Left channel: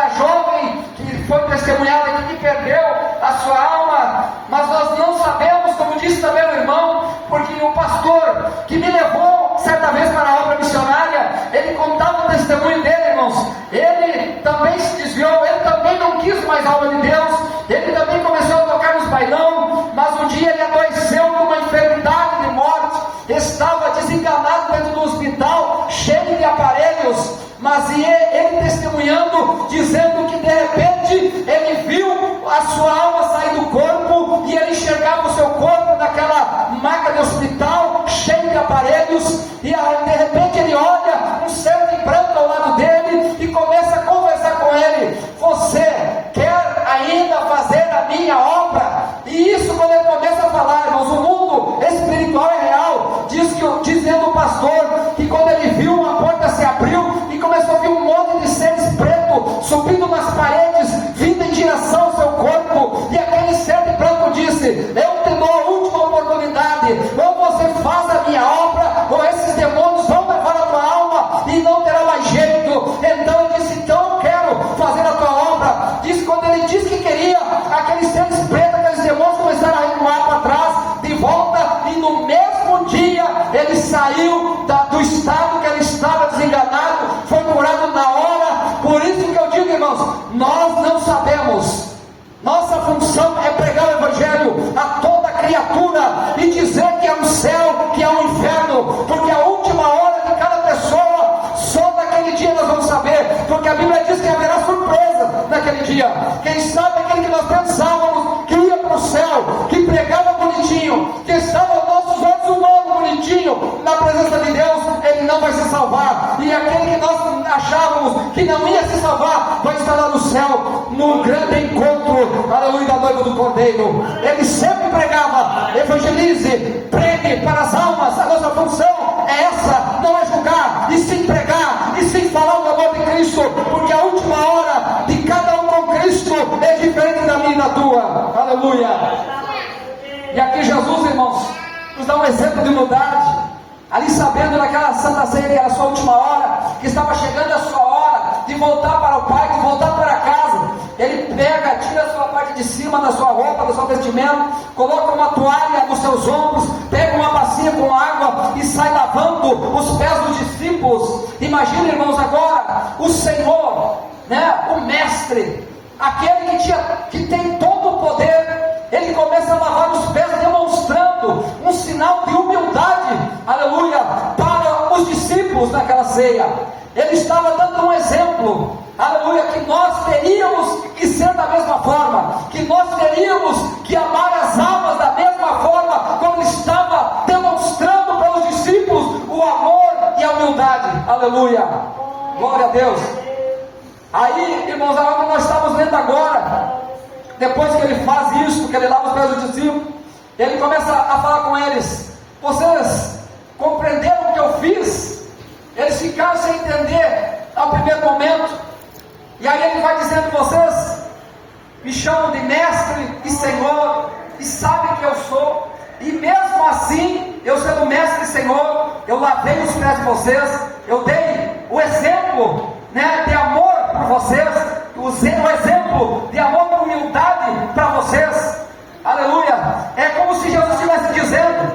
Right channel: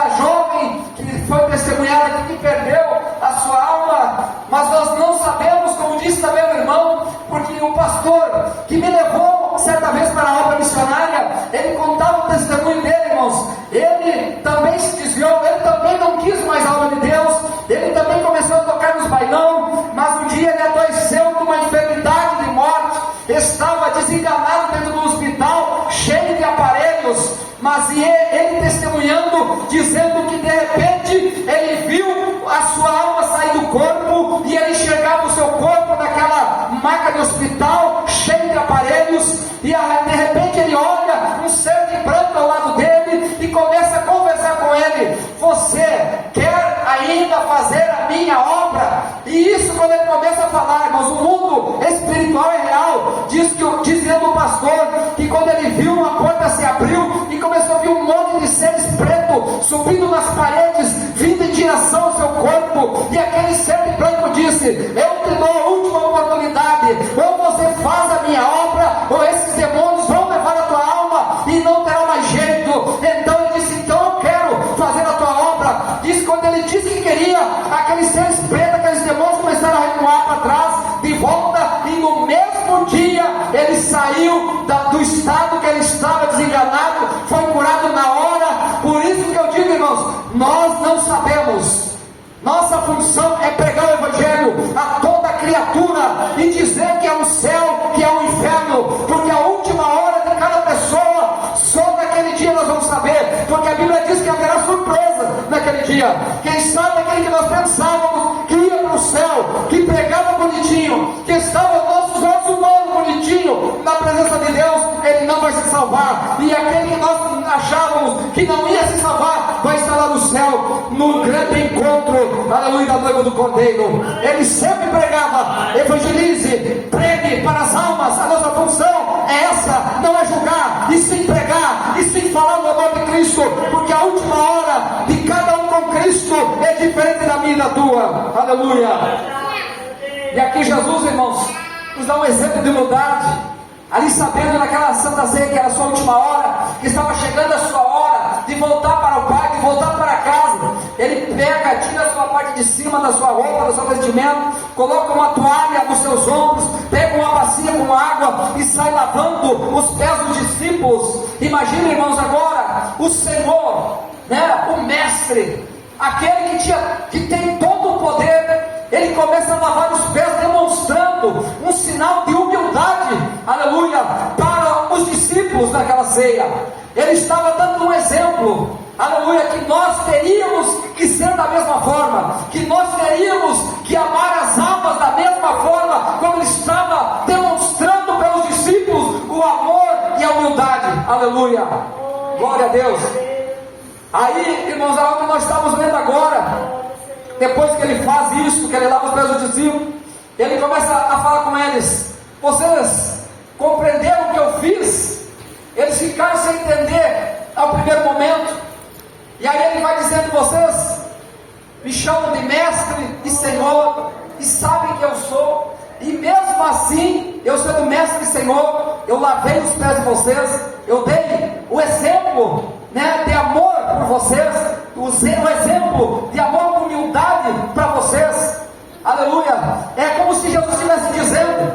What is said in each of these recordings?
a jovem que foi testemunhada aqui, que perdeu a sua alma, mas nós não sabemos, como disse também o irmão, porque o pastor que me levou certa vez para a obra missionária, ele contava o testemunho dele, irmãos. Ele também se desviou, ele também não quis mais a obra de Deus, ele também começou a tocar nos bailão, mas um dia ele adoeceu com uma enfermidade de morte, estava desenganado dentro do hospital, cheio de aparelhos, mas ele testemunhando, dizendo que de repente ele viu a sua alma sair do corpo, e ele enxergava o seu corpo naquela maca de hospital, cheio de aparelhos, e de repente ele olha um céu de branco ao lado dele, e começa a conversar com ele: você quer ainda fazer a minha obra? E isso, quando ele começa a falar, irmãos, o mundo espiritual é real. Dizendo o pastor que quando ele viu, uma porta se abriu e começou a ver um monte de seres pretos subindo nas paredes, vindo em direção ao seu corpo, e aquele ser de branco disse: eu te dou a última oportunidade, ou você faz a minha obra, ou esses demônios vão levar a tua alma e não terá mais jeito. Então ele disse: então eu quero fazer a tua obra. Diz que quando ele disse que queria, aqueles seres pretos, aqueles demônios começaram a recuar para trás, de volta, e no mesmo dia ele saiu do estado que ele estava desenganado, foi curado na hora. Por isso que eu digo, irmãos, nós não sabemos. Nossa função é pregar o evangelho a toda criatura e dizer que é um céu, que é um inferno, porque a última hora de cada pessoa, só naquele dia nós vamos saber, porque a Bíblia diz que haverá surpresa naquele dia. Quem sabe aquele que nós pensávamos que ia para o céu, que pregava bonitinho, que estava aos nossos olhos humanos bonitinho na presença de Deus, ele não vai se salvar. E aquele que nós achávamos que não ia se salvar, vai estar lá no céu, no grande encontro, aleluia, da noiva do Cordeiro. Ele sempre pregava: evangelize, pregue para as almas. A nossa função é essa, não é julgar, e sim pregar, e sim falar do amor de Cristo, porque a última hora de cada um com Cristo é diferente da minha e da tua. Aleluia. E aqui Jesus, irmãos, nos dá um exemplo de humildade, ali sabendo naquela Santa Ceia que era a sua última hora, que estava chegando a sua hora de voltar para o Pai, de voltar para casa. Ele pega, tira a sua parte de cima da sua roupa, do seu vestimento, coloca uma toalha nos seus ombros, pega uma bacia com água e sai lavando os pés dos discípulos. Imagina, irmãos, agora o Senhor, né, o Mestre, aquele que tem todo o poder, ele começa a lavar os pés, demonstrando um sinal de humildade, aleluia, para os discípulos naquela ceia. Ele estava dando um exemplo, aleluia, que nós teríamos que ser da mesma forma, que nós teríamos que amar as almas da mesma forma, como ele estava demonstrando para os discípulos o amor e a humildade. Aleluia, glória a Deus. Aí, irmãos, aonde nós estamos lendo agora, depois que ele faz isso, que ele lava os pés dos discípulos, ele começa a falar com eles: vocês compreenderam o que eu fiz? Eles ficaram sem entender ao primeiro momento, e aí ele vai dizendo: vocês me chamam de mestre e senhor, e sabem que eu sou, e mesmo assim, eu sendo mestre e senhor, eu lavei os pés de vocês, eu dei o exemplo, né, de amor por vocês, o exemplo de amor e humildade para vocês. Aleluia. É como se Jesus estivesse dizendo:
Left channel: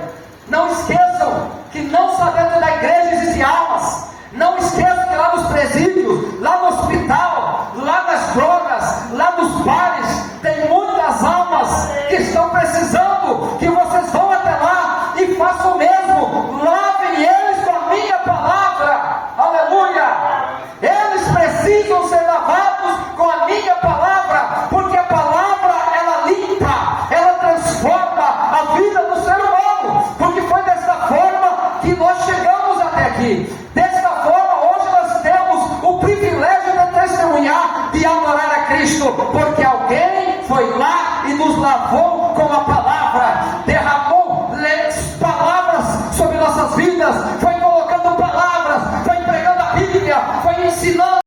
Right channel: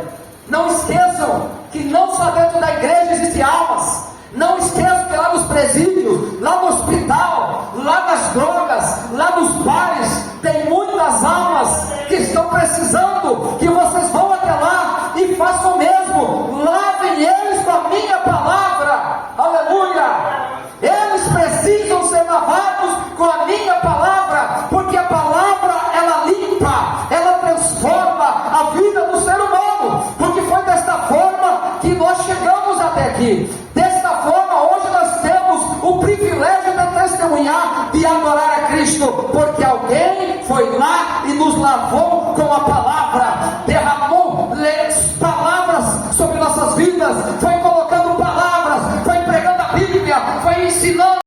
não esqueçam que não só dentro da igreja existem almas, não esqueçam que lá nos presídios, lá no hospital, lá nas drogas, lá nos bares, tem muitas almas que estão precisando que vocês vão até lá e façam o mesmo, lavem eles com a minha palavra. Aleluia. Eles precisam ser lavados com a minha palavra, porque a palavra, ela limpa, ela transforma a vida do ser humano, porque foi desta forma que nós chegamos até aqui. Desta forma, hoje nós temos o privilégio de testemunhar, de adorar a Cristo, porque alguém foi lá e nos lavou com a palavra.